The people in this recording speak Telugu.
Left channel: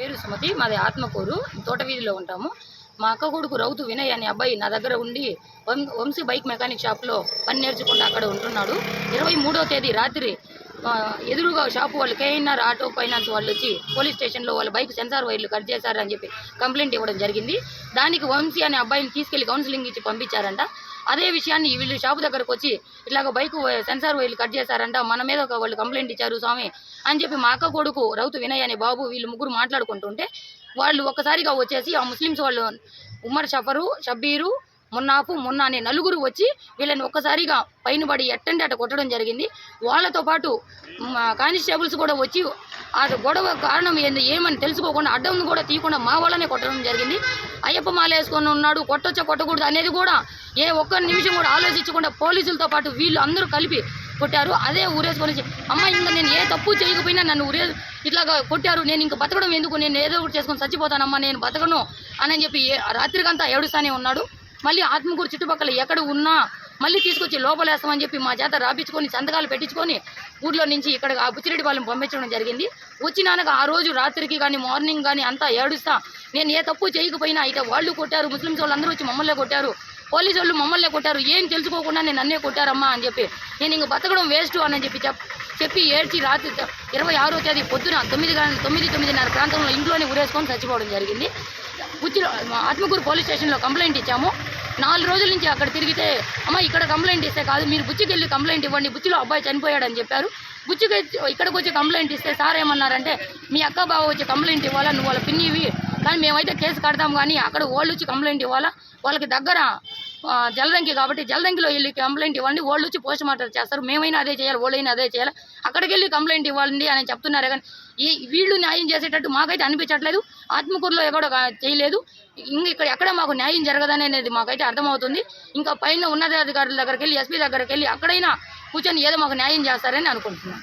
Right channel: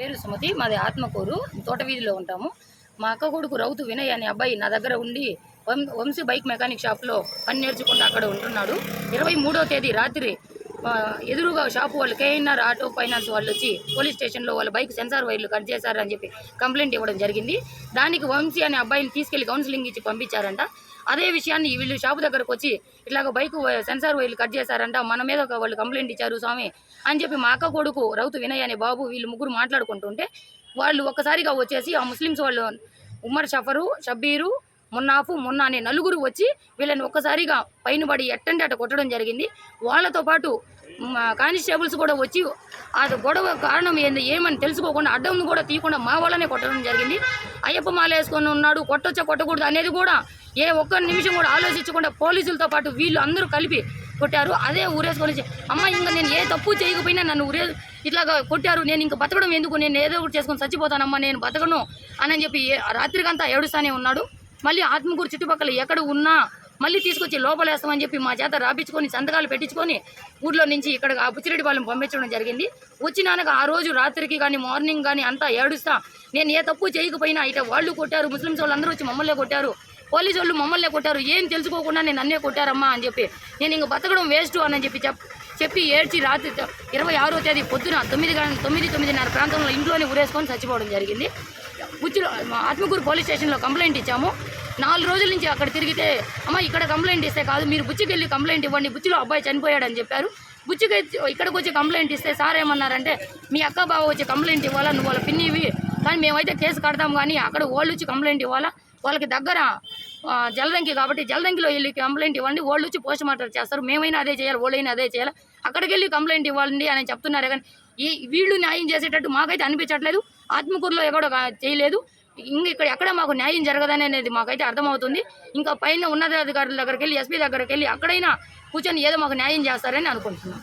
పేరు సుమతి, మాది ఆత్మకూరు, తోట వీధిలో ఉంటాము. మా అక్క కొడుకు రౌతు వినయ్ అనే అబ్బాయి నా దగ్గర ఉండి వంశీ బైక్ మెకానిక్ షాప్లో పని నేర్చుకుంటూ అక్కడ ఉంటున్నాడు. 23వ తేదీ రాత్రి ఎదురుగా షాపు వాళ్ళు కేఎన్ఆర్ ఆటో ఫైనాన్స్ వాళ్ళు వచ్చి పోలీస్ స్టేషన్లో వాళ్ళ బైక్ సెన్సార్ వైర్లు కట్ చేశారని చెప్పి కంప్లైంట్ ఇవ్వడం జరిగింది. దానికి వంశీ అనే అబ్బాయిని తీసుకెళ్లి కౌన్సిలింగ్ ఇచ్చి పంపించారంట. అదే విషయాన్ని వీళ్ళు షాపు దగ్గరకు వచ్చి ఇట్లాగ బైక్ సెన్సార్ వైర్లు కట్ చేశారంట, మన మీద వాళ్ళు కంప్లైంట్ ఇచ్చారు స్వామి అని చెప్పి మా అక్క కొడుకు రౌతు వినయ్ అనే బాబు వీళ్ళు ముగ్గురు మాట్లాడుకుంటుంటే వాళ్ళు ఒక్కసారిగా వచ్చేసి ఆ ముస్లిమ్స్ వాళ్ళు ఉమర్ షఫరు, షబ్బీరు, మొన్న అనే నలుగురు వచ్చి వీళ్ళని ఒక్కసారిగా పైన పడి ఎట్టంటే అట కొట్టడం జరిగింది. వాళ్ళతో పాటు కానిస్టేబుల్స్ కూడా వచ్చి ఆ గొడవ కారణం ఏమని తెలుసుకోకుండా అడ్డం కూడా తీయకుండా మా వాళ్ళనే కొట్టడం జరిగింది. అయ్యప్ప మాల వేసుకొని ఉన్నాడు, కొట్టొచ్చా కొట్టకూడదు అనేది కూడా ఏ ఒక్క నిమిషం కూడా ఆలోచించకుండా పోలీసులతో పాటు వీళ్ళు అందరూ కలిపి కొట్టారు. అదే ఊరేసుకొని అమ్మ ఇంకా నేను ఏ తప్పు చేయకపోయినా నన్ను ఇట్లాగా కొట్టారు, నేను ఇంకా బతకడం ఎందుకు, నేను ఏదో ఒకటి చేసుకొని చచ్చిపోతానమ్మా, నేను బతకను అని చెప్పి రాత్రికంతా ఏడుస్తానే ఉన్నాడు. మళ్ళీ ఆత్మకూరు చుట్టుపక్కల ఎక్కడ ఉన్నా మళ్ళీ తీసుకొచ్చి లోపలేస్తామని చెప్పి మా చేత రాపించుకొని సంతకాలు పెట్టించుకొని ఊర్లో నుంచి ఇక్కడ బుచ్చిరెడ్డిపాలెం పంపించడం జరిగింది. వచ్చినాక ఆ రోజు రాత్రికి కానీ మార్నింగ్ కానీ అంతా ఏడుస్తా నేను ఏ తప్పు చేయకపోయినా ఇక వాళ్ళు కొట్టారు, ముస్లిమ్స్ వాళ్ళు అందరూ వచ్చి మమ్మల్నే కొట్టారు, పోలీసు వాళ్ళు మమ్మల్నే కొట్టారు, ఏం తెలుసుకోకుండా నేను అన్నే కొట్టారమ్మా అని చెప్పి నేను ఇంక బతకడం వేస్ట్ అని చెప్పి ఏడ్చి రాత్రి 26వ తేదీ పొద్దున 9:30 ప్రాంతంలో ఇంట్లోనే ఊరేసుకొని చచ్చిపోవడం జరిగింది. ఆత్మకూరు పోలీస్ స్టేషన్లో కంప్లైంట్ ఇచ్చాము. 4 రోజుల నుంచి అక్కడ తిరిగితే అమ్మ ఇక్కడ కంప్లైంట్ ఇస్తే కాదు, మీరు బుచ్చికి వెళ్ళి కంప్లైంట్ ఇవ్వండి, బుచ్చిలో అబ్బాయి చనిపోయాడని చెప్పారు. బుచ్చికి ఇక్కడికి వచ్చి కంప్లైంట్ ఇస్తే సార్ ఏమన్నారంటే మీ అక్క బావ వచ్చి కంప్లైంట్ ఇవ్వాలా, నువ్వు వాళ్ళ పిన్నివి, కానీ మేమైతే కేసు కడతాం కానీ అక్కడ వాళ్ళు వచ్చి కంప్లైంట్ ఇవ్వాలా, వాళ్ళకి దగ్గర జలదంకి కాబట్టి జలదంకిలో వెళ్ళి కంప్లైంట్ ఇవ్వండి, వాళ్ళు వచ్చి పోస్ట్ మార్టం చేస్తారు, మేమైనా అదే చేయాలి, వాళ్ళైనా అదే చేయాలి, అక్కడికి వెళ్ళి కంప్లైంట్ ఇవ్వండి అని చెప్తున్నారే కానీ వీళ్ళు న్యాయం చేసేటట్టు మాకైతే అనిపించట్లేదు. ఆత్మకూరులో ఎక్కడో చేయలేదు, ఇక్కడ ఎక్కడ మాకు న్యాయం జరగదని అనేది మాకైతే అర్థమవుతుంది. ఇంకా పైన ఉన్నతాధికారుల దగ్గరికి వెళ్ళి ఎస్పీ దగ్గరికి వెళ్ళి అక్కడైనా కూర్చొని ఏదో మాకు న్యాయం చేస్తారని అనుకుంటున్నాం.